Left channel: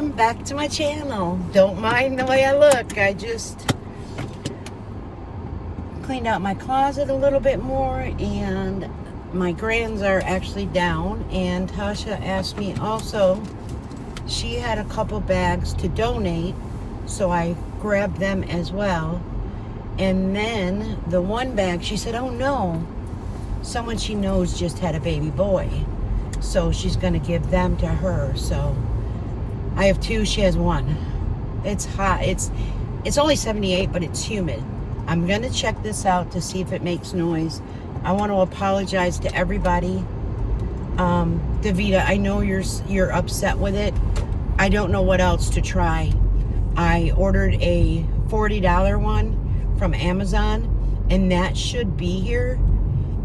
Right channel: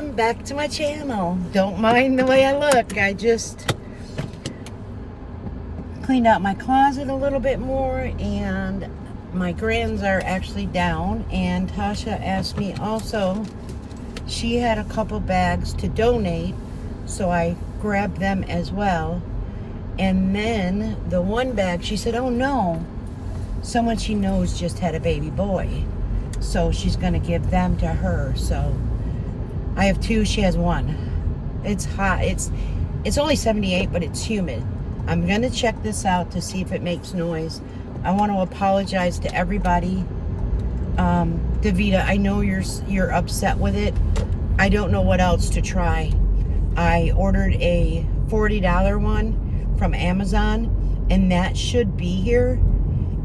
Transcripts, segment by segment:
welcome back to my channel. Don't mind the way I look. I just cleaned out my closet a little bit more, and my grands are actually down. And Tasha asked me also, she had a couple bags to donate, so I grabbed them as well. And then the one bag, she said, oh no, someone she knows just had a baby boy, so she's going to give them to her. So I have two, she has one. It's hot. It's only 78, but it's humid. I'm going to check this out to see if it makes noise. I want to apologize to everybody. Davida, I know you're upset with it. I don't know what else to try. I ordered a $40 one from Amazon, and that should be here.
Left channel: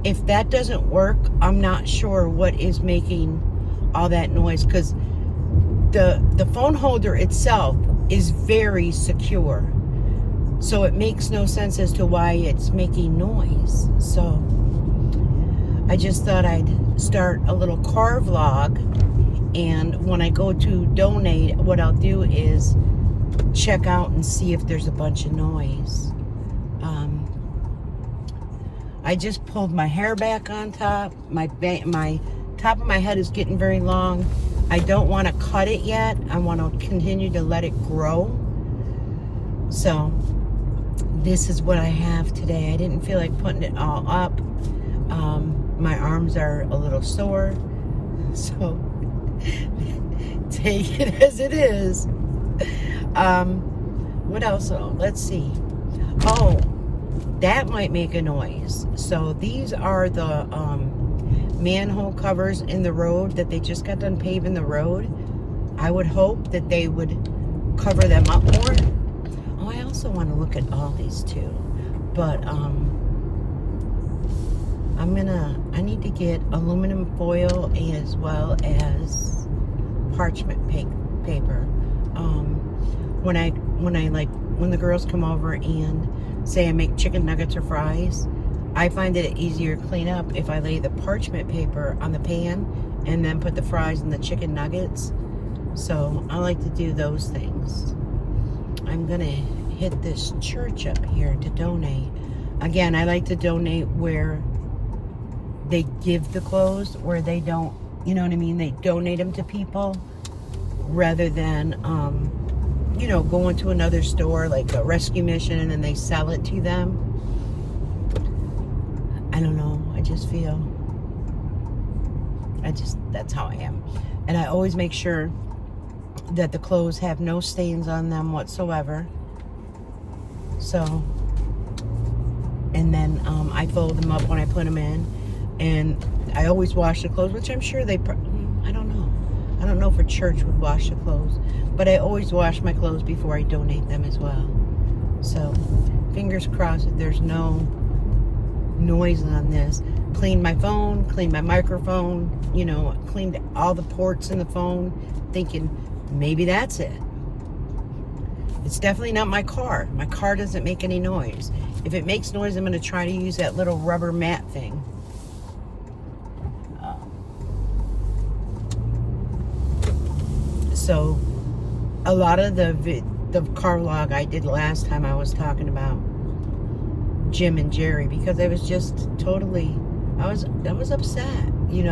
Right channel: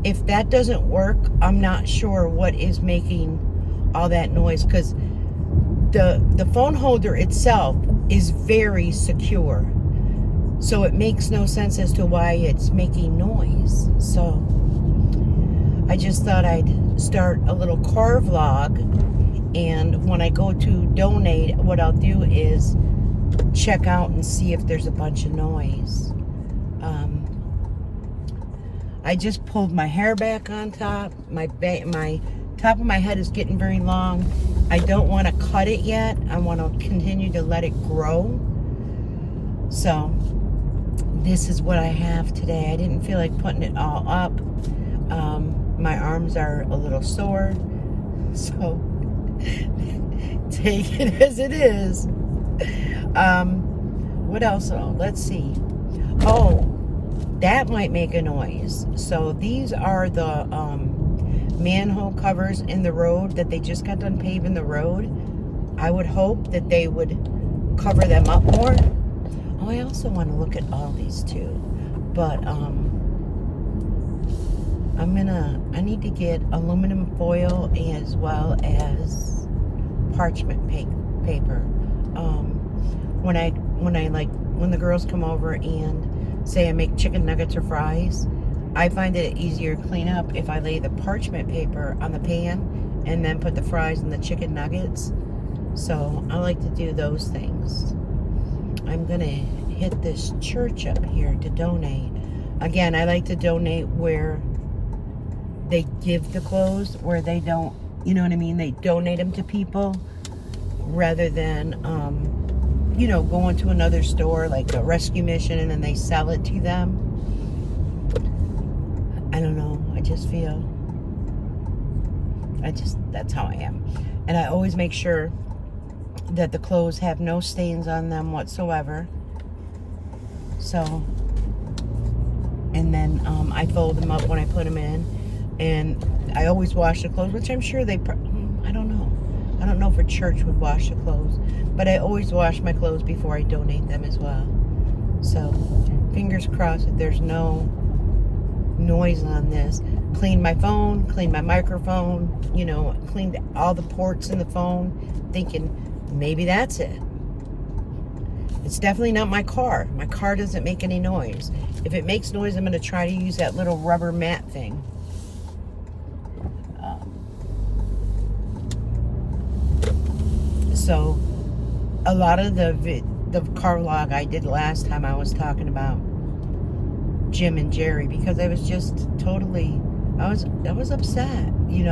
If that doesn't work, I'm not sure what is making all that noise, because the phone holder itself is very secure. So it makes no sense as to why it's making noise. So I just thought I'd start a little car vlog, and when I go to donate, what I'll do is check out and see if there's a bunch of noise. I just pulled my hair back on top. My top of my head is getting very long. I don't want to cut it yet. I want to continue to let it grow. So this is what I have today. I didn't feel like putting it all up. My arms are a little sore, so take it as it is. What else? Oh, let's see. Oh, that might make a noise. So these are the manhole covers in the road that they just got done paving the road. I would hope that they would cover them up more. Oh, I also want to look at all these too, but I need to get aluminum foil as well as parchment paper. When the girls come over and say I make chicken nuggets or fries, I find it easier to clean up if I lay the parchment paper on the pan and then put the fries and the chicken nuggets. So I like to do those things. I'm gonna hit this church up here to donate. Again, I like to donate where they give the clothes, where they don't, you know what I mean? They donate them to people rather than, going to another store like a rescue mission and then they sell it to them. I don't know. I just feel, that's how I am. And I always make sure that the clothes have no stains on them whatsoever. So, and then I fold them up when I put them in, and I always wash the clothes, which I'm sure they, I don't know if a church would wash the clothes, but I always wash my clothes before I donate them as well. So, fingers crossed that there's no noise on this. Cleaned my phone, cleaned my microphone, cleaned all the ports in the phone, thinking maybe that's it. It's definitely not my car. My car doesn't make any noise. If it makes noise, I'm going to try to use that little rubber mat thing. So, a lot of the car vlog I did last time, I was talking about Jim and Jerry, because I was just totally, I was upset, You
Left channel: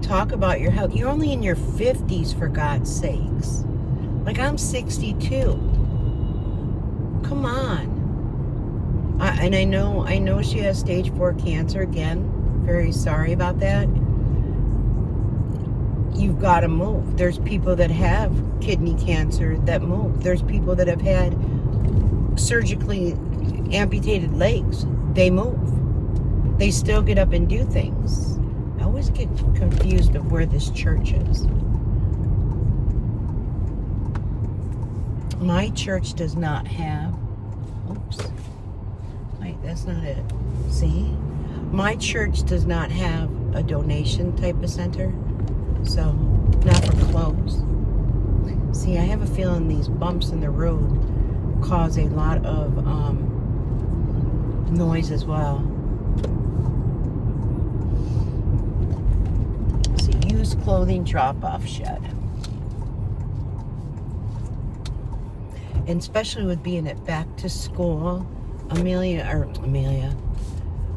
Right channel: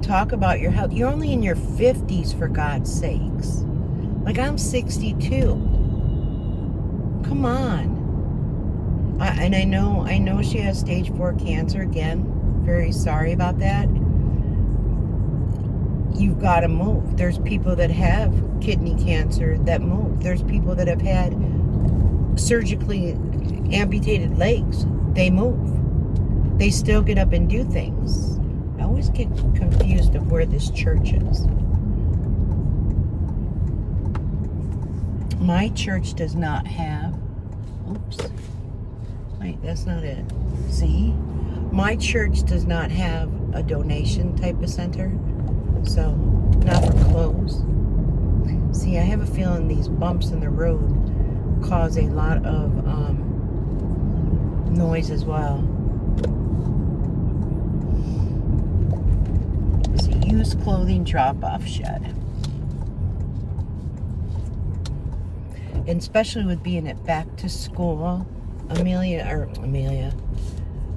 talk about your health. You're only in your 50s, for God's sakes. Like, I'm 62. Come on. I know she has stage 4 cancer again. Very sorry about that. You've got to move. There's people that have kidney cancer that move. There's people that have had surgically amputated legs. They move. They still get up and do things. I always get confused of where this church is. My church does not have, oops, wait, that's not it. See? My church does not have a donation type of center. So, not for clothes. See, I have a feeling these bumps in the road cause a lot of noise as well. See, used clothing drop-off shed. and especially with being at back to school,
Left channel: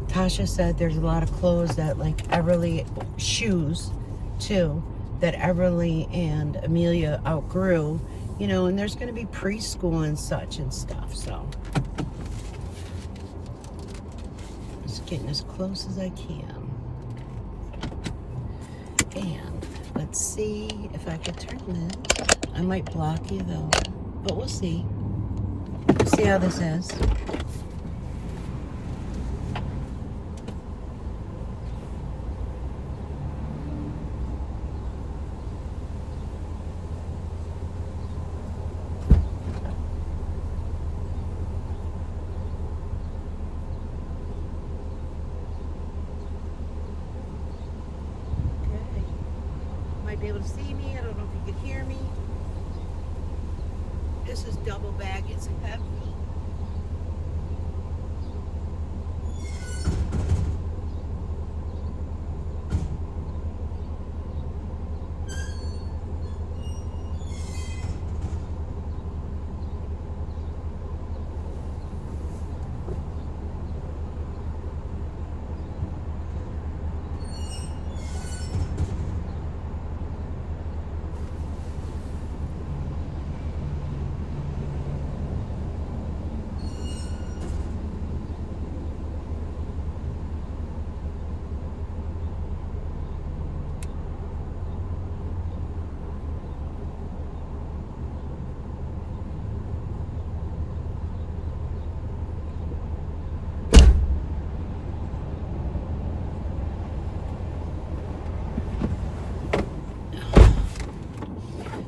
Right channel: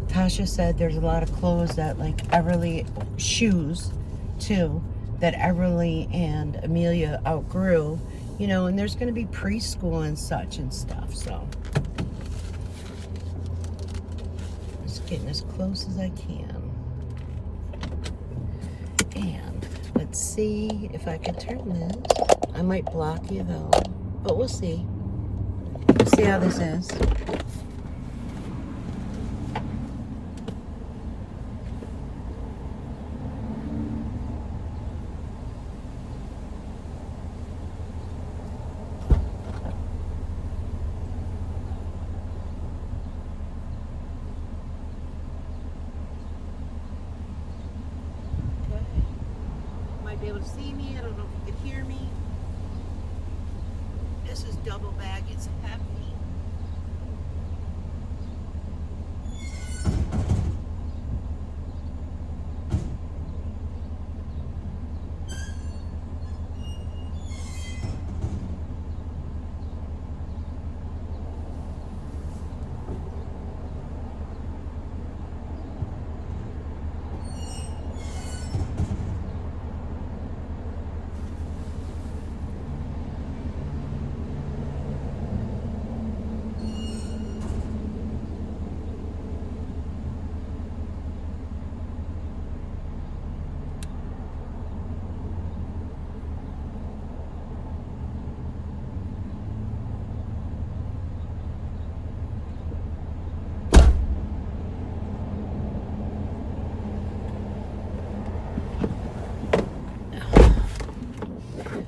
Tasha said there's a lot of clothes that like Everly, shoes too, that Everly and Amelia outgrew, you know, and there's going to be preschool and such and stuff, so just getting as close as I can. And let's see if I could turn this. I might block you though, but we'll see. Let's see how this is. Might be able to see me. I don't know if you could hear me. This is double bag. It's heavy.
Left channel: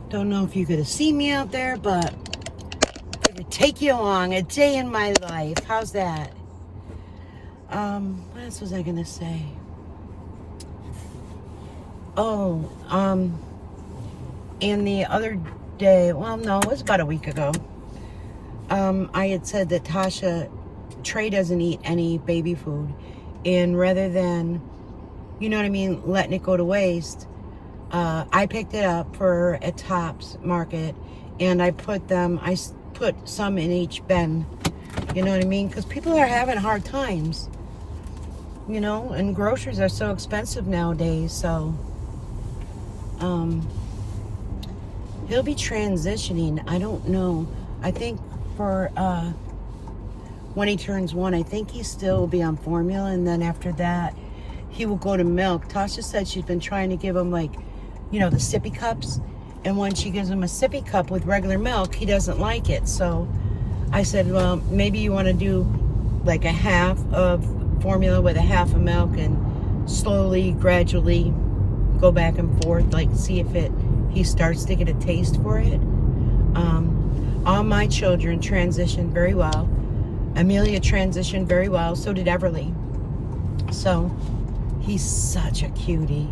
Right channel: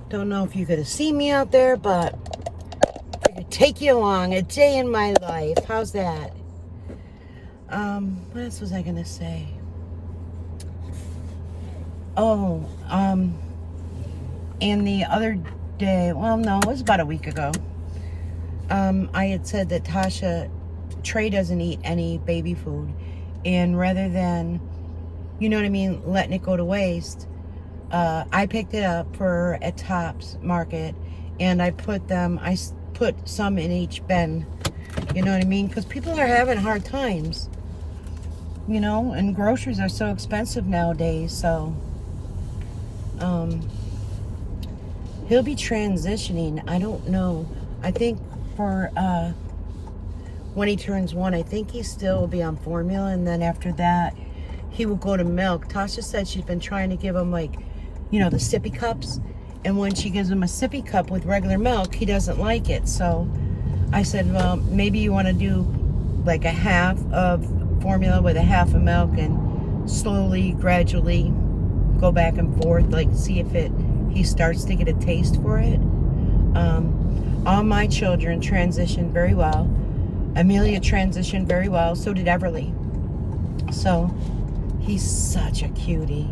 Don't know if you're going to see me out there, but it would take you along a day in my life. How's that? What else was I going to say? Oh, and the other day, well, no, it was about a week ago, I had said that Trey doesn't eat any baby food. And rather than, you know what I mean, letting it go to waste, I picked it up at Tops Market, and I put some in each bin, you know what I mean, because people are having hard times, you know, and groceries are so expensive nowadays. So he'll be transitioning, I don't know, I think for when he turns 1, I think he still will be on formula, and then after that he will go to milk. Tasha said she's been trying to give him, like, you know, the sippy cups, and when she gives him a sippy cup with regular milk, he doesn't like it. So I said, well, maybe you want to do like a half of formula with a half of milk, and slowly, gradually go back and forth, like see if he starts to get a taste for it. All my children transitioned very well. Amelia transitioned very well, so did Everly. So he's such a cutie.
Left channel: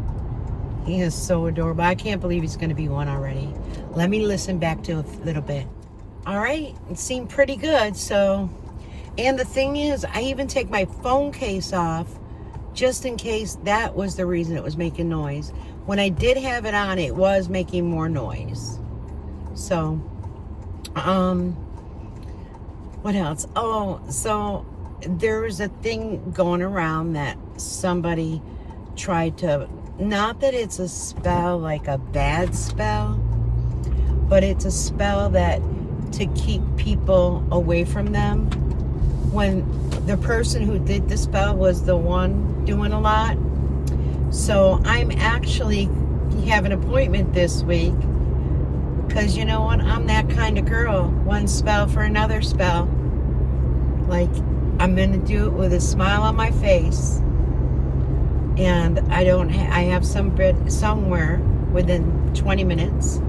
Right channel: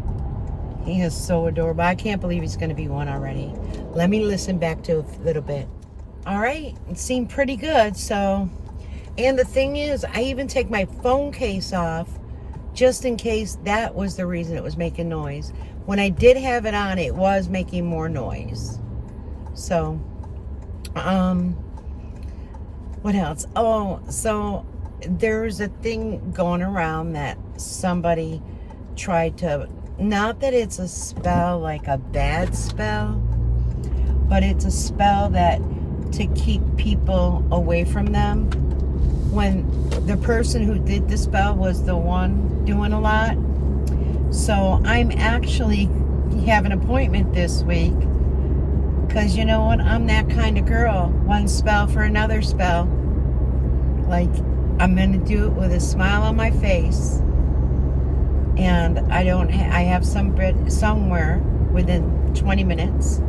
He is so adorable. I can't believe he's going to be 1 already. Let me listen back to a little bit. All right. It seemed pretty good. So, and the thing is, I even take my phone case off just in case that was the reason it was making noise. When I did have it on, it was making more noise. So, what else? Oh, so there's a thing going around that somebody tried to, not that it's a spell like a bad spell, but it's a spell that to keep people away from them when the person who did the spell was the one doing a lot. So I'm actually have an appointment this week, because you know what, I'm that kind of girl. One spell for another spell. Like, I'm gonna do it with a smile on my face. And I have some bread somewhere within 20 minutes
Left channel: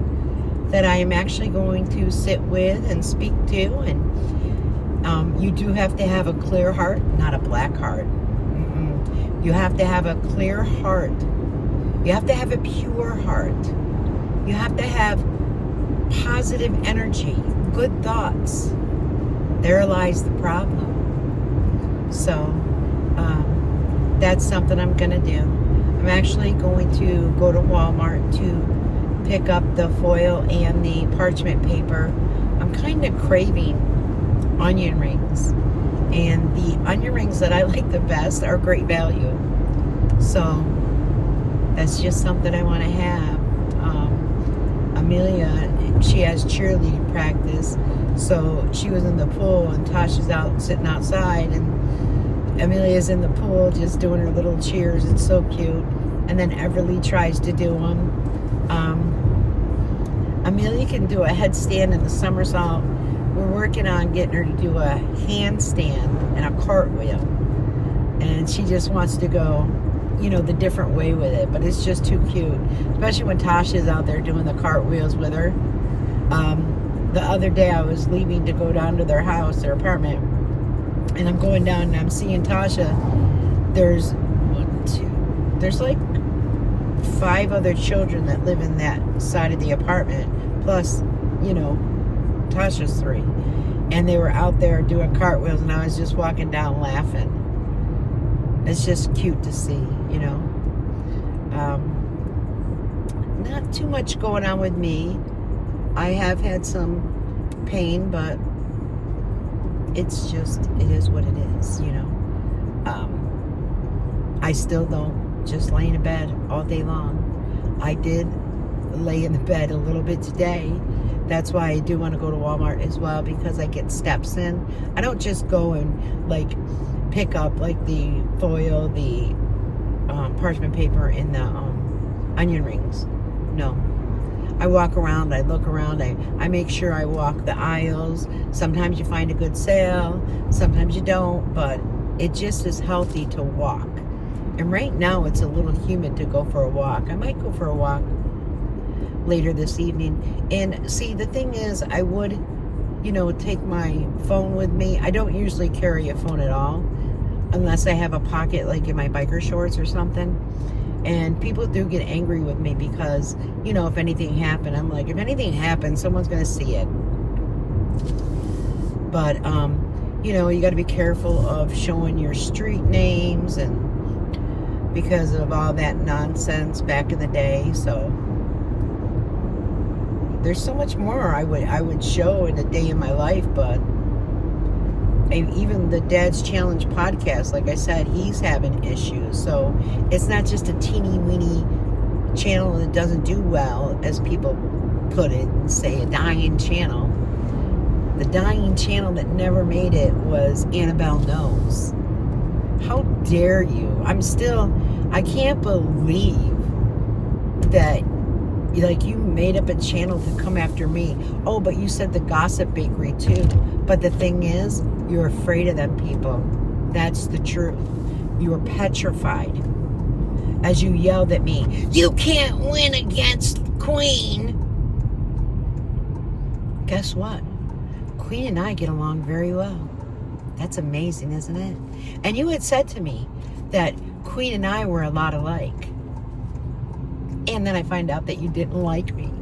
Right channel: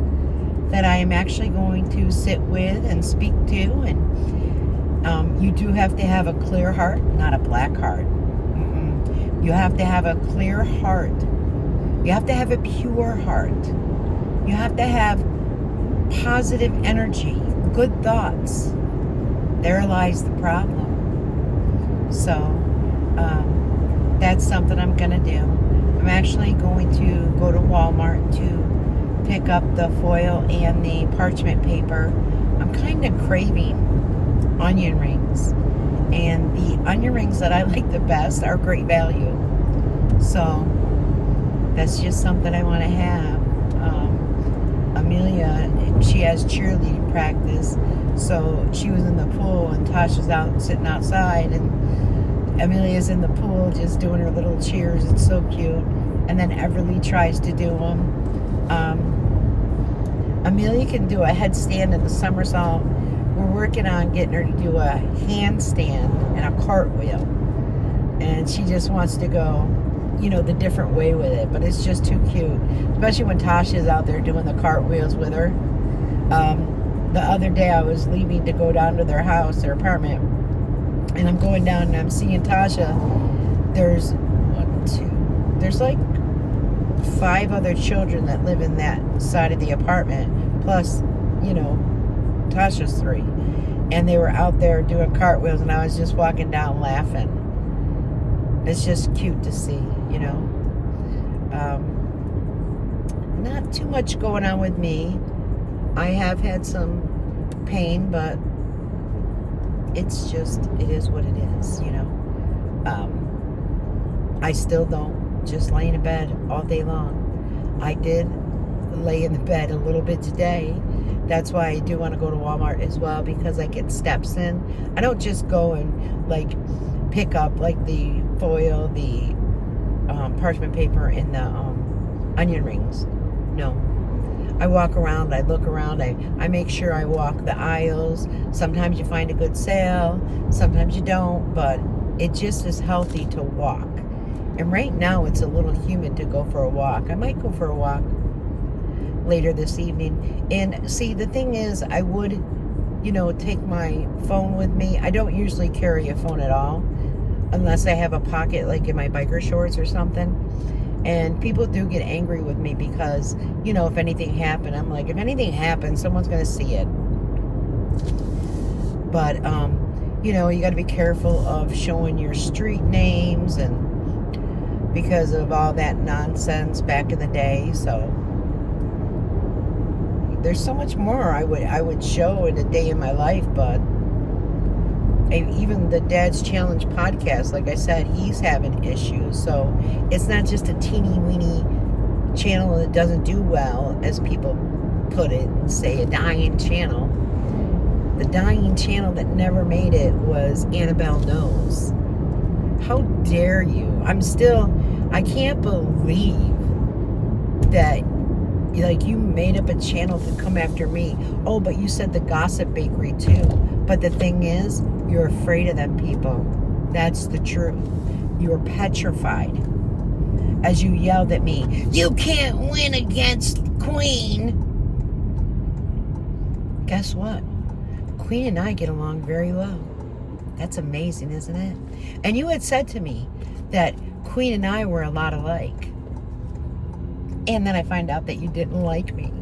that I am actually going to sit with and speak to. And you do have to have a clear heart, not a black heart. You have to have a clear heart. You have to have a pure heart. You have to have positive energy, good thoughts. There lies the problem. So, that's something I'm going to do. I'm actually going to go to Walmart to pick up the foil and the parchment paper I'm kind of craving onion rings. And the onion rings that I like the best are great value. So that's just something I want to have. Amelia, she has cheerleading practice. So she was in the pool and Tasha's out sitting outside. And Amelia's in the pool just doing her little cheers. It's so cute. And then Everly tries to do them. Amelia can do a headstand and a somersault. We're working on getting her to do a handstand and a cartwheel. And she just wants to go, you know, the different way with it. But it's just too cute. Especially when Tasha's out there doing the cartwheels with her. The other day I was leaving to go down to their house, their apartment. And I'm going down and I'm seeing Tasha. There's there's like 5 other children that live in that side of the apartment. Plus, you know, Tasha's 3. And they were out there doing cartwheels and I was just walking down laughing. It's just cute to see, you know. Not too much going on with me. I have had some pain, but it's just, it is what it is, you know. I still don't just lay in bed all day long. I did lay in the bed a little bit today. That's why I do want to go to Walmart as well, because I get steps in. I don't just go and like pick up like the foil, the parchment paper, and the onion rings. No. I walk around, I look around, I make sure I walk the aisles. Sometimes you find a good sale, sometimes you don't, but it just is healthy to walk. And right now it's a little humid to go for a walk. I might go for a walk later this evening. And see, the thing is, I would, you know, take my phone with me. I don't usually carry a phone at all, unless I have a pocket like in my biker shorts or something. And people do get angry with me because, you know, if anything happened, I'm like, if anything happens, someone's going to see it. But, you know, you got to be careful of showing your street names, and because of all that nonsense back in the day. So there's so much more I would show in a day in my life, but even the Dad's Challenge podcast, like I said, he's having issues. So it's not just a teeny weeny channel that doesn't do well, as people put it and say, a dying channel. The dying channel that never made it was Annabelle Knows. How dare you? I can't believe that, like, you made up a channel to come after me. Oh, but you said the Gossip Bakery too. But the thing is, you're afraid of them people. That's the truth. You're petrified. As you yelled at me, you can't win against Queen. Guess what? Queen and I get along very well. That's amazing, isn't it? And you had said to me that Queen and I were a lot alike. And then I find out that you didn't like me.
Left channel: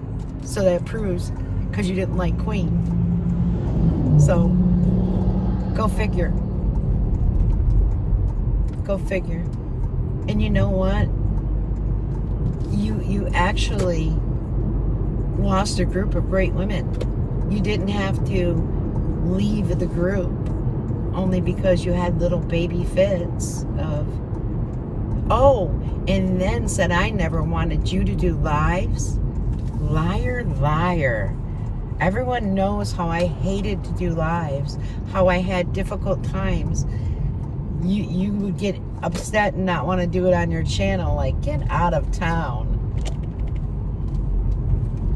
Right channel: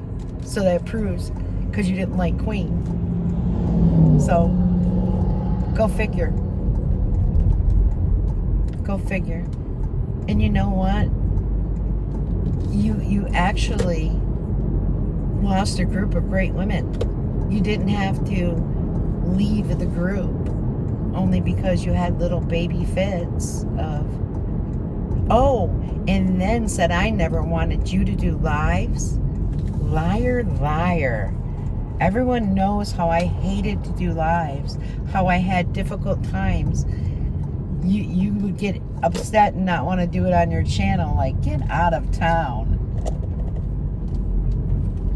So that proves, because you didn't like Queen. So, go figure. Go figure. And you know what? You actually lost a group of great women. You didn't have to leave the group only because you had little baby fits of, oh, and then said I never wanted you to do lives. Liar, liar. Everyone knows how I hated to do lives, how I had difficult times. You would get upset and not want to do it on your channel, like, get out of town.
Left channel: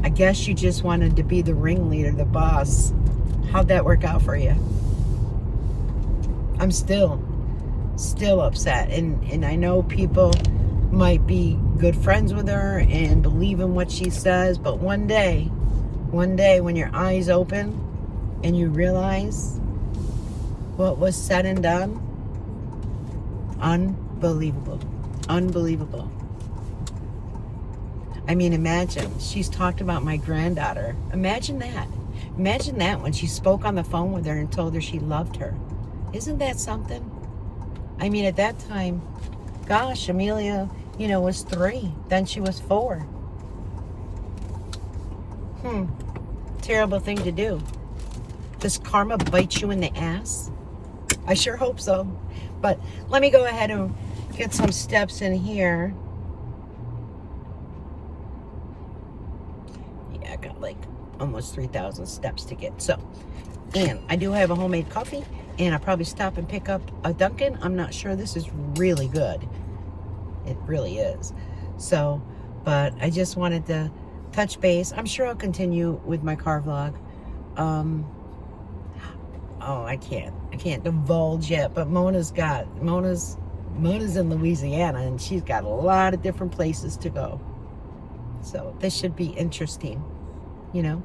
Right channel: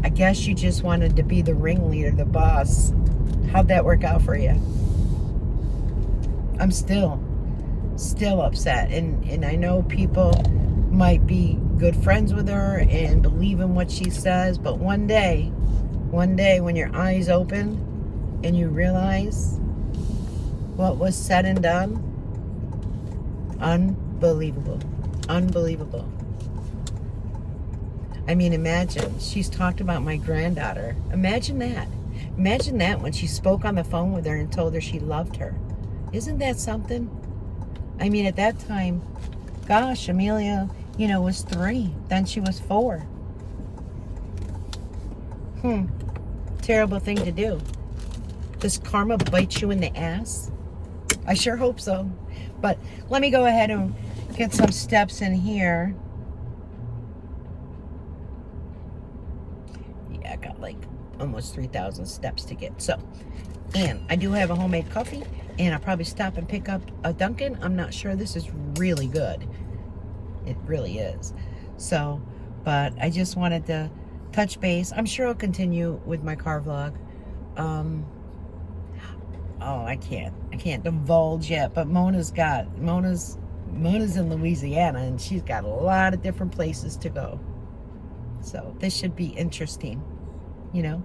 I guess you just wanted to be the ringleader, the boss. How'd that work out for you? I'm still upset, and I know people might be good friends with her and believe in what she says, but one day when your eyes open and you realize what was said and done, unbelievable. I mean, imagine, she's talked about my granddaughter. Imagine that when she spoke on the phone with her and told her she loved her. Isn't that something? I mean, at that time, gosh, Amelia, was 3. Then she was 4. Terrible thing to do. Does karma bite you in the ass? I sure hope so. But let me go ahead and get some steps in here. Yeah, I got like almost 3,000 steps to get. So, and I do have a homemade coffee, and I'll probably stop and pick up a Dunkin'. I'm not sure. This is really good. It really is. So, but I just wanted to touch base. I'm sure I'll continue with my car vlog. Oh, I can't divulge yet, but Mona's in Louisiana, and she's got a lot of different places to go. So this should be interesting, you know.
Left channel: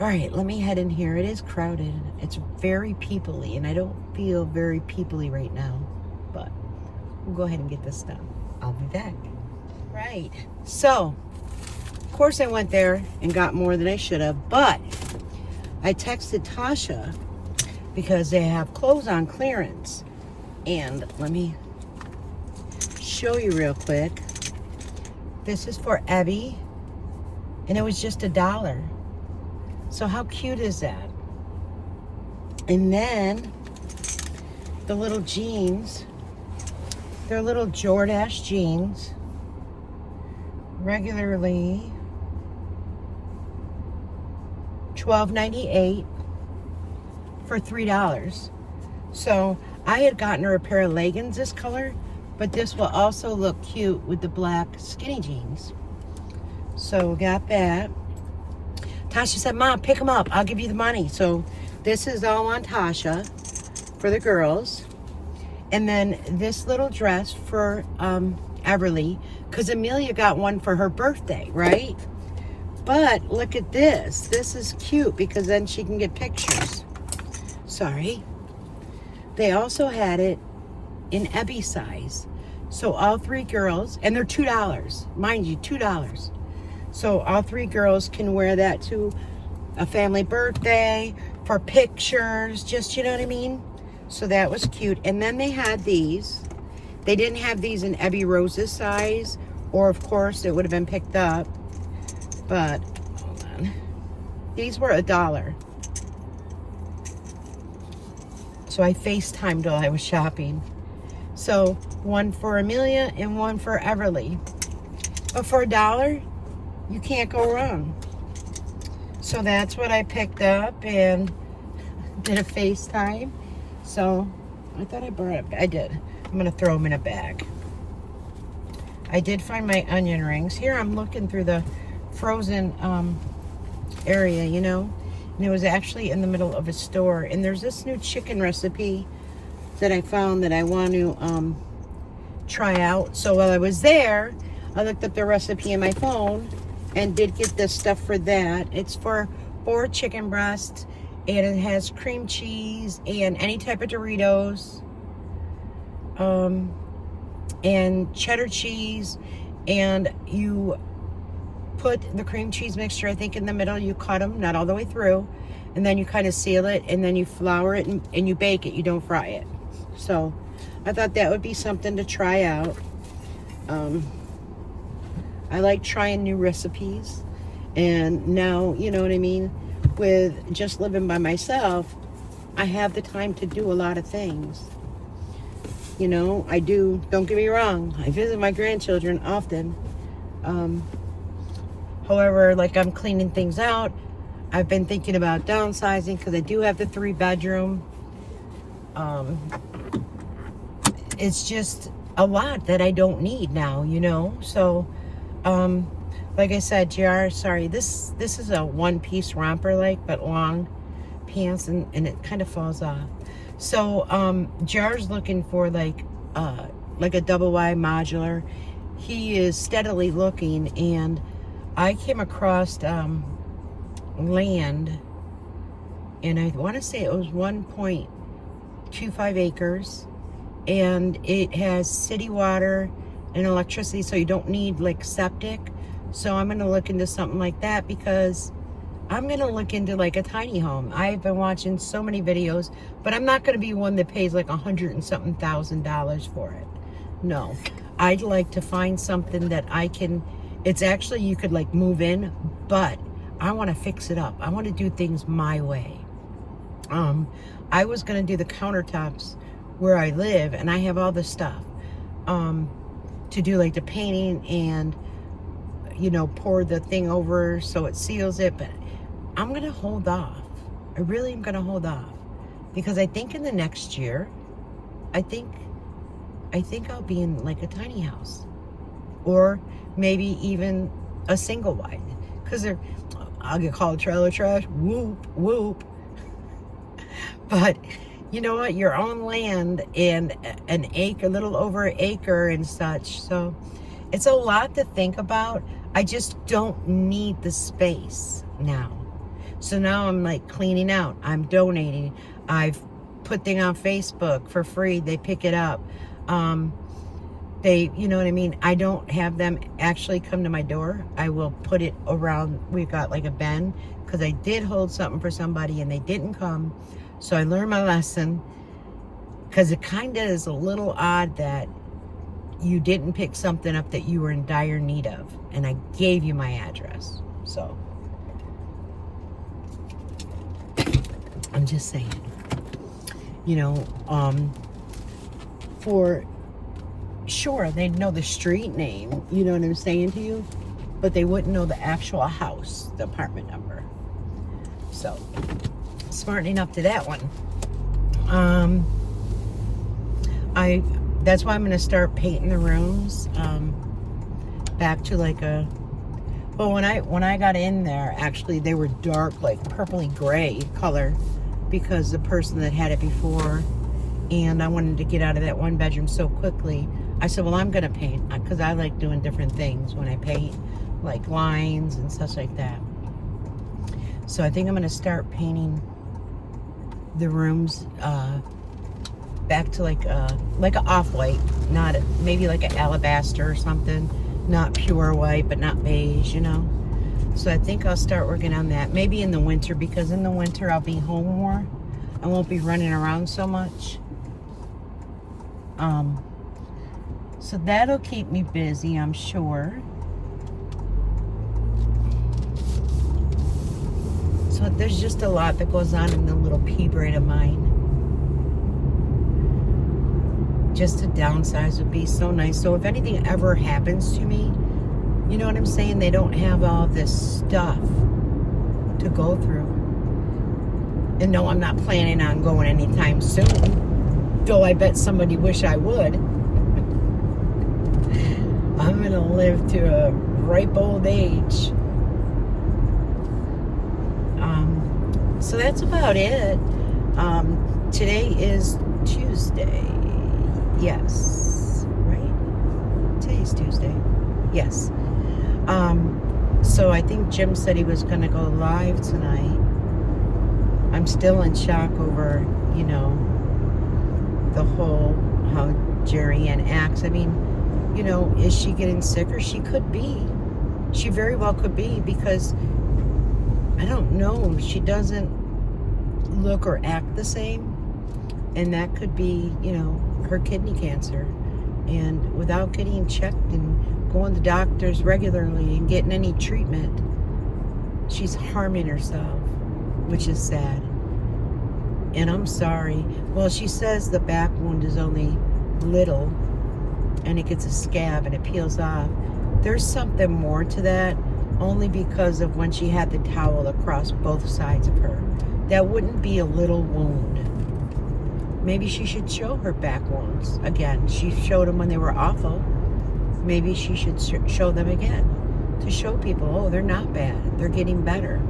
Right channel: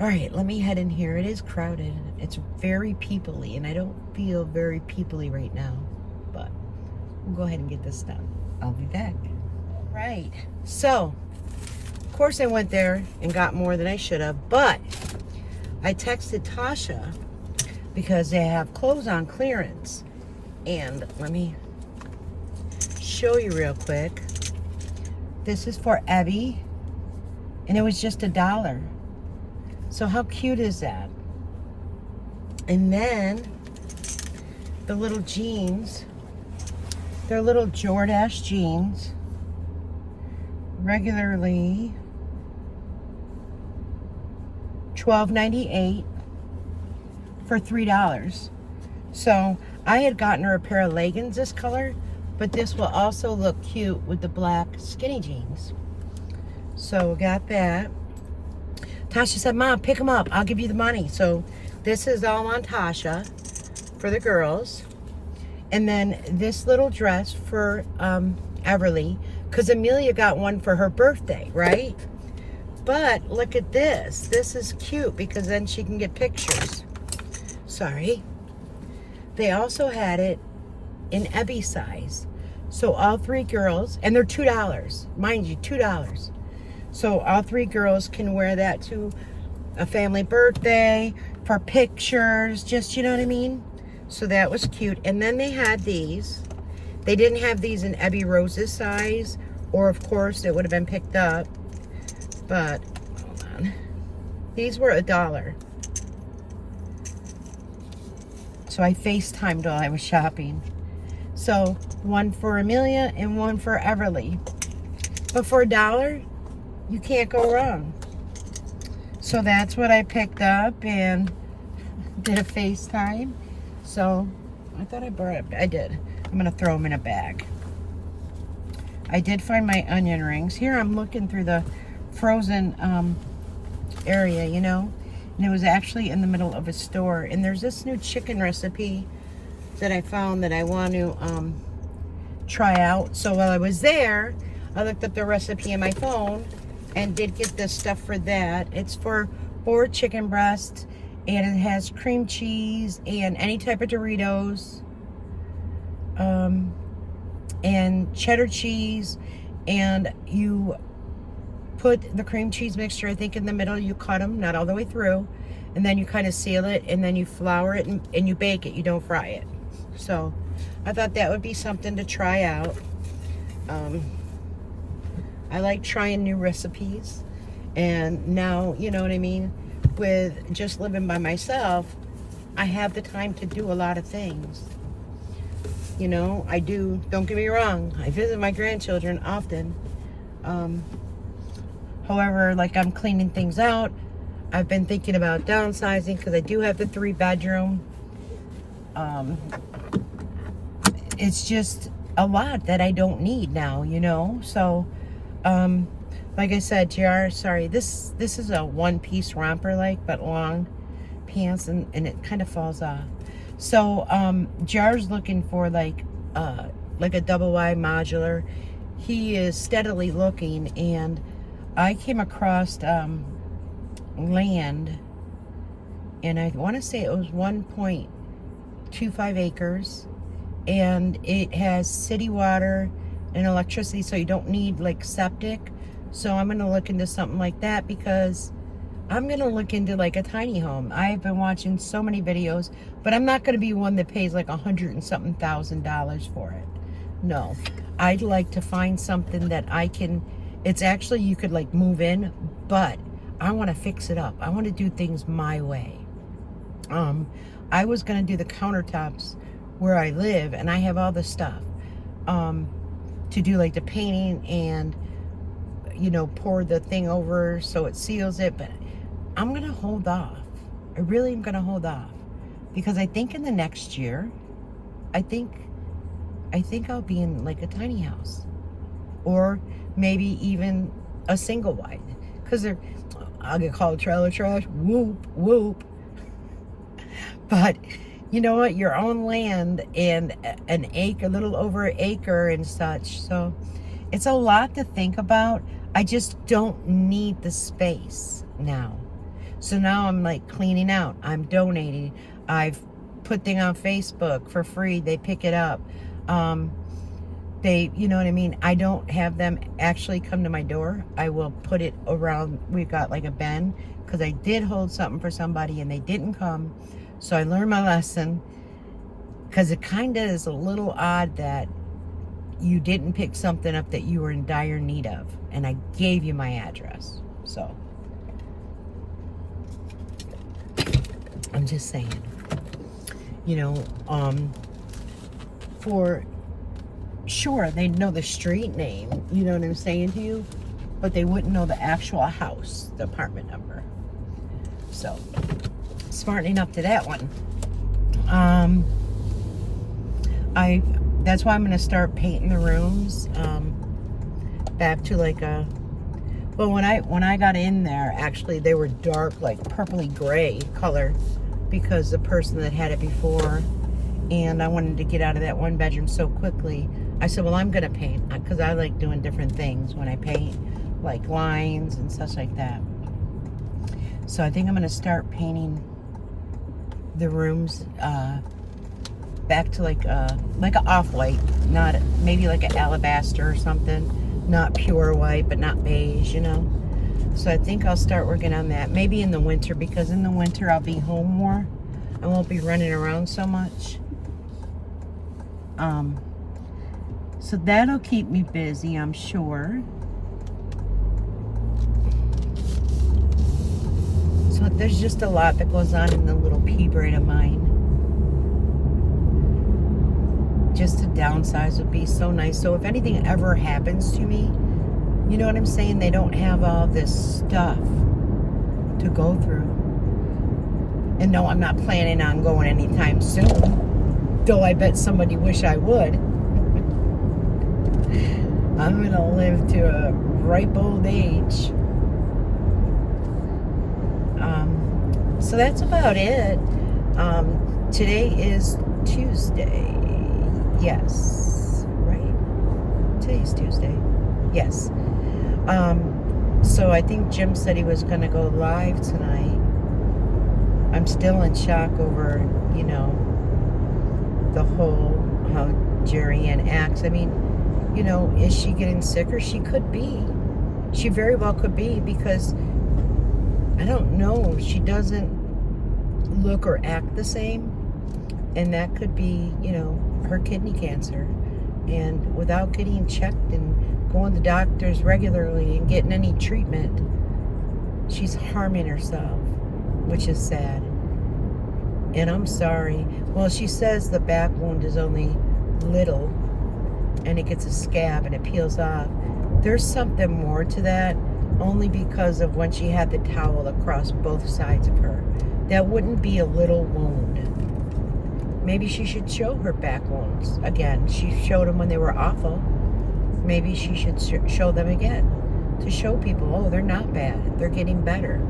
All right, let me head in here. It is crowded. It's very people-y, and I don't feel very people-y right now, but we'll go ahead and get this done. I'll be back. Right, so of course I went there and got more than I should have, but I texted Tasha because they have clothes on clearance. And let me show you real quick. This is for Abby, and it was just $1. So how cute is that? And then the little jeans, they're little Jordache jeans, regularly $12.98 for $3. So I had gotten her a pair of leggings this color, but this will also look cute with the black skinny jeans. So got that. Tasha said, Mom, pick them up. I'll give you the money. So this is all on Tasha for the girls. And then this little dress for Everly, because Amelia got one for her birthday, right? But look at this. This is cute because then she can get pictures. Sorry. They also had it in Ebby size. So all 3 girls, and they're $2. Mind you, $2. So all 3 girls can wear that to a family birthday, for pictures, just, you know what I mean? So that was cute. And then they had these. They didn't have these in Ebby Rose's size, or of course it would have been picked up. But, hold on. These were $1. So I FaceTimed while I was shopping. So one for Amelia and one for Everly. But for $1, you can't go wrong. So that's what I picked up and did a FaceTime. So I thought I brought it. I did. I'm going to throw them in a bag. I did find my onion rings. Here I'm looking through the frozen area, you know. And it was actually in the middle of a store. And there's this new chicken recipe that I found that I want to try out. So while I was there, I looked up the recipe in my phone and did get this stuff for that. It's for boiled chicken breast, and it has cream cheese and any type of Doritos, and cheddar cheese, and you put the cream cheese mixture, I think, in the middle. You cut them, not all the way through, and then you kind of seal it, and then you flour it, and you bake it. You don't fry it. So I thought that would be something to try out. I like trying new recipes, and now, you know what I mean, with just living by myself, I have the time to do a lot of things. You know, I do, don't get me wrong, I visit my grandchildren often. However, like, I'm cleaning things out. I've been thinking about downsizing because I do have the 3-bedroom. It's just a lot that I don't need now, you know. So like I said, JR, sorry, this is a one-piece romper, like, but long pants, and it kind of falls off. So JR's looking for like a double wide modular. He is steadily looking, and I came across land, and I want to say it was 1.25 acres, and it has city water and electricity, so you don't need like septic. So I'm going to look into something like that, because I'm going to look into like a tiny home. I've been watching so many videos, but I'm not going to be one that pays like $100 and something thousand for it. No, I'd like to find something that I can, it's actually, you could like move in, but I want to fix it up. I want to do things my way. I was going to do the countertops where I live, and I have all the stuff to do, like the painting and, you know, pour the thing over so it seals it. But I'm going to hold off. I really am going to hold off, because I think in the next year, I think I'll be in like a tiny house, or maybe even a single wide, because I'll get called trailer trash. Whoop whoop. But you know what? Your own land and an acre, a little over an acre and such. So it's a lot to think about. I just don't need the space now. So now I'm like cleaning out. I'm donating. I've put thing on Facebook for free. They pick it up. They, you know what I mean? I don't have them actually come to my door. I will put it around. We've got like a bin, because I did hold something for somebody and they didn't come. So I learned my lesson, because it kind of is a little odd that you didn't pick something up that you were in dire need of, and I gave you my address. So I'm just saying, you know, for sure they'd know the street name, you know what I'm saying to you, but they wouldn't know the actual house, the apartment number. So smartening up to that one. That's why I'm gonna start painting the rooms back to like a, well, when I got in there, actually they were dark, like purpley gray color, because the person that had it before, and I wanted to get out of that one bedroom so quickly. I said, well, I'm gonna paint, because I like doing different things when I paint, like lines and such like that. So I think I'm gonna start painting the rooms back to like a off-white, not maybe like an alabaster or something, not pure white but not beige, you know. So I think I'll start working on that, maybe in the winter, because in the winter I'll be home more. I won't be running around so much. So that'll keep me busy, I'm sure. So there's just a lot that goes on in the little pea brain of mine. Just to downsize would be so nice. So if anything ever happens to me, you know what I'm saying? They don't have all this stuff to go through. And no, I'm not planning on going anytime soon. Though I bet somebody wish I would. I'm going to live to a ripe old age. So that's about it. Today is Tuesday. Yes. Right? Today's Tuesday. Yes. So I think Jim said he was going to go live tonight. I'm still in shock over, you know, the whole, how Jerry Ann acts. I mean, you know, is she getting sicker? She could be. She very well could be, because I don't know. She doesn't look or act the same. And that could be, you know, her kidney cancer. And without getting checked and going to doctors regularly and getting any treatment, she's harming herself, which is sad. And I'm sorry. Well, she says the back wound is only little, and it gets a scab and it peels off. There's something more to that, only because of when she had the towel across both sides of her. That wouldn't be a little wound. Maybe she should show her back wounds again. She showed them when they were awful. Maybe she should show them again, to show people, oh, they're not bad. They're getting better.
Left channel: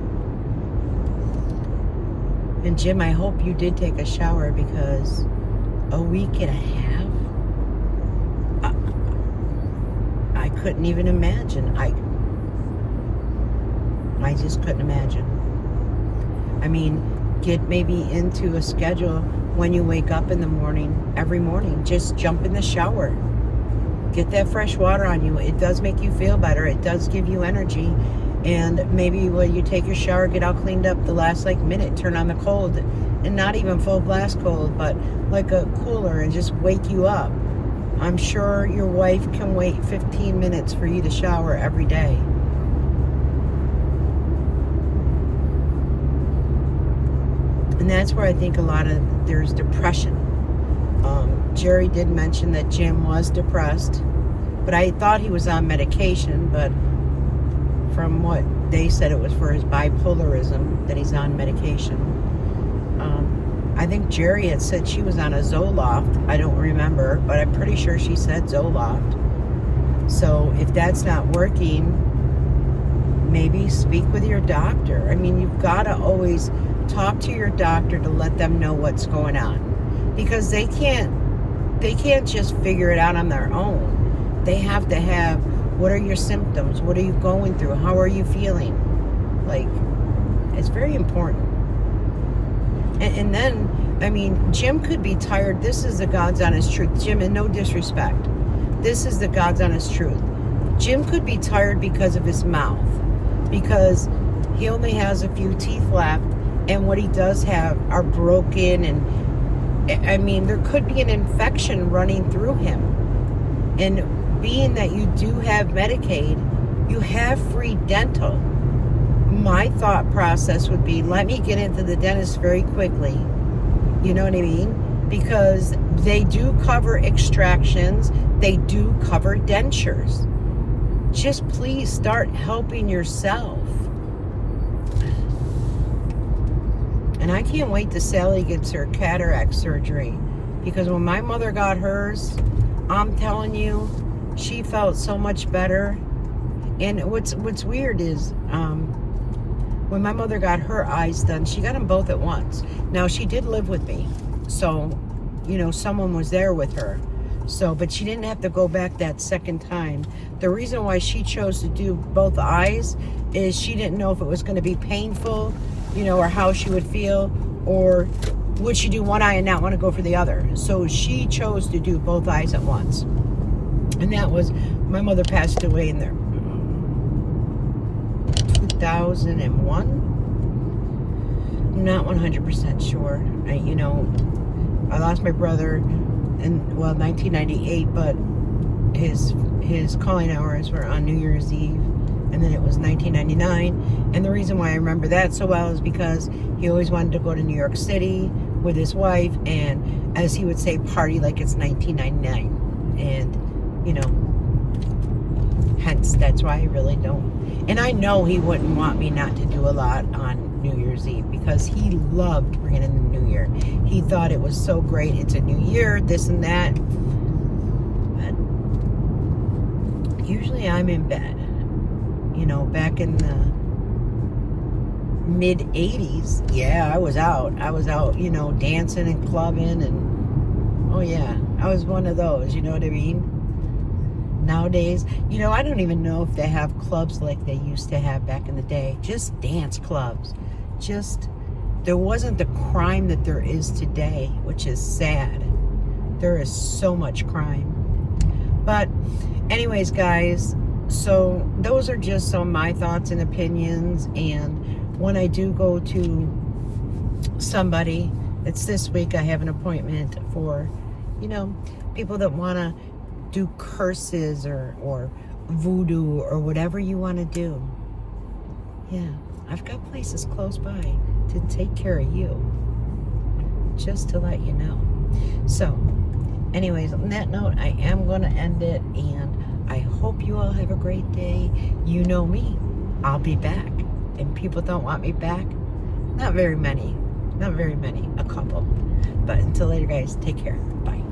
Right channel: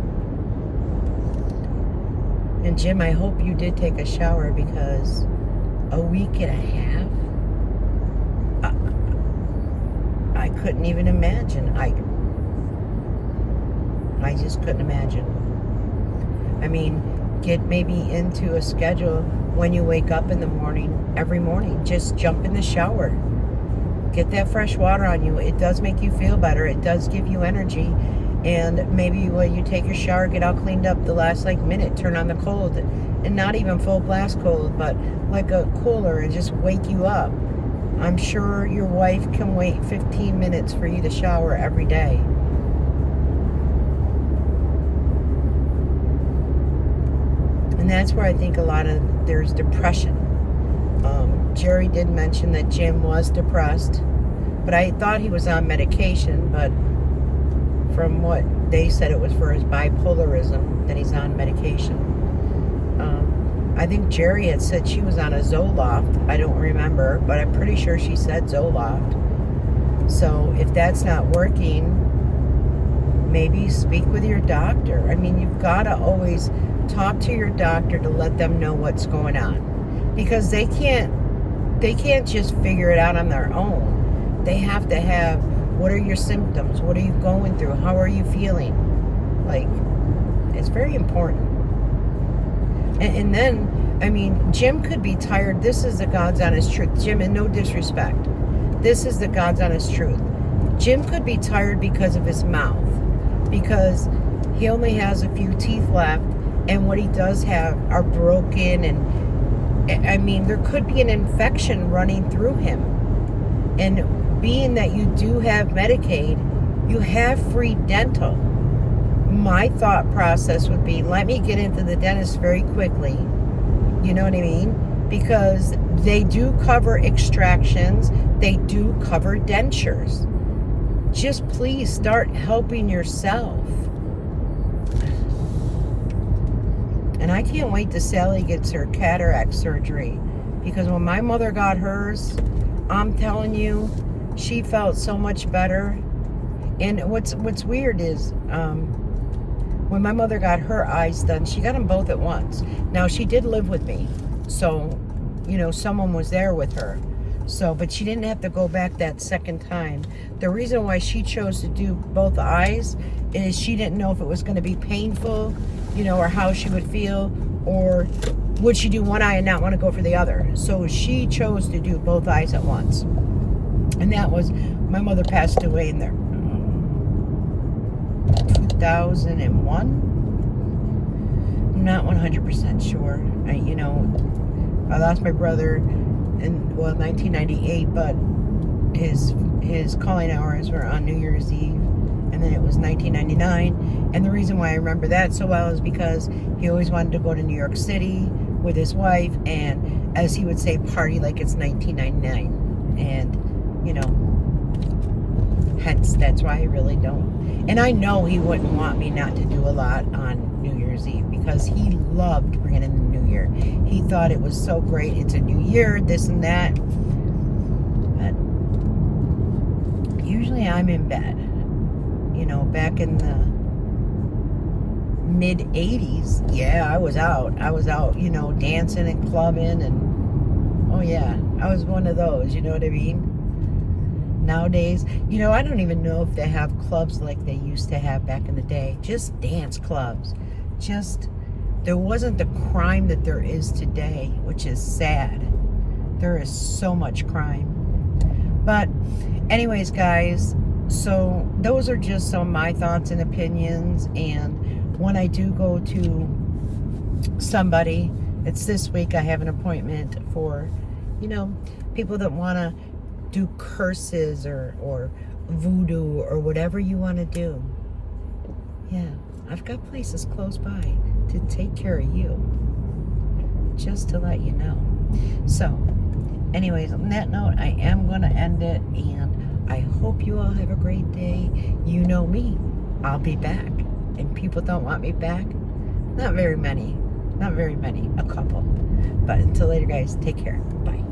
And Jim, I hope you did take a shower, because a week and a half, I couldn't even imagine. I just couldn't imagine. I mean, get maybe into a schedule when you wake up in the morning, every morning, just jump in the shower. Get that fresh water on you. It does make you feel better. It does give you energy. And maybe when you take your shower, get all cleaned up, the last like minute, turn on the cold, and not even full blast cold, but like a cooler, and just wake you up. I'm sure your wife can wait 15 minutes for you to shower every day. And that's where I think a lot of there's depression. Jerry did mention that Jim was depressed, but I thought he was on medication, but from what they said, it was for his bipolarism that he's on medication. I think Jerry had said she was on a Zoloft. I don't remember, but I'm pretty sure she said Zoloft. So if that's not working, maybe speak with your doctor. I mean, you've got to always talk to your doctor to let them know what's going on, because they can't just figure it out on their own. They have to have, what are your symptoms? What are you going through? How are you feeling? Like, it's very important. And then, I mean, Jim could be tired. This is the God's honest truth. Jim, and no disrespect, this is the God's honest truth. Jim could be tired because of his mouth, because he only has a few teeth left, and what he does have are broken, and I mean, there could be an infection running through him. And being that you do have Medicaid, you have free dental. My thought process would be, let me get into the dentist very quickly. You know what I mean? Because they do cover extractions. They do cover dentures. Just please start helping yourself. And I can't wait till Sally gets her cataract surgery, because when my mother got hers, I'm telling you, she felt so much better. And what's weird is, when my mother got her eyes done, she got them both at once. Now, she did live with me, so, you know, someone was there with her. So, but she didn't have to go back that second time. The reason why she chose to do both eyes is she didn't know if it was going to be painful, you know, or how she would feel, or would she do one eye and not want to go for the other. So she chose to do both eyes at once. And that was, my mother passed away in there 2001. I'm not 100% sure. I lost my brother in 1998, but his calling hours were on New Year's Eve, and then it was 1999. And the reason why I remember that so well is because he always wanted to go to New York City with his wife, and as he would say, party like it's 1999. And hence that's why I really don't. And I know he wouldn't want me not to do a lot on New Year's Eve, because he loved bringing in the new year. He thought it was so great. It's a new year, this and that. But usually I'm in bed. Back in the mid 80s, yeah, I was out, dancing and clubbing, and oh yeah, I was one of those, you know what I mean? Nowadays, I don't even know if they have clubs like they used to have back in the day. Just dance clubs. There wasn't the crime that there is today, which is sad. There is so much crime. But anyways, guys, so those are just some of my thoughts and opinions. And when I do go to somebody, it's this week, I have an appointment for, people that want to do curses or voodoo or whatever you want to do. Yeah, I've got places close by to take care of you, just to let you know. So anyways, on that note, I am going to end it, and I hope you all have a great day. You know me, I'll be back. And people don't want me back? Not very many, a couple. But until later, guys, take care. Bye.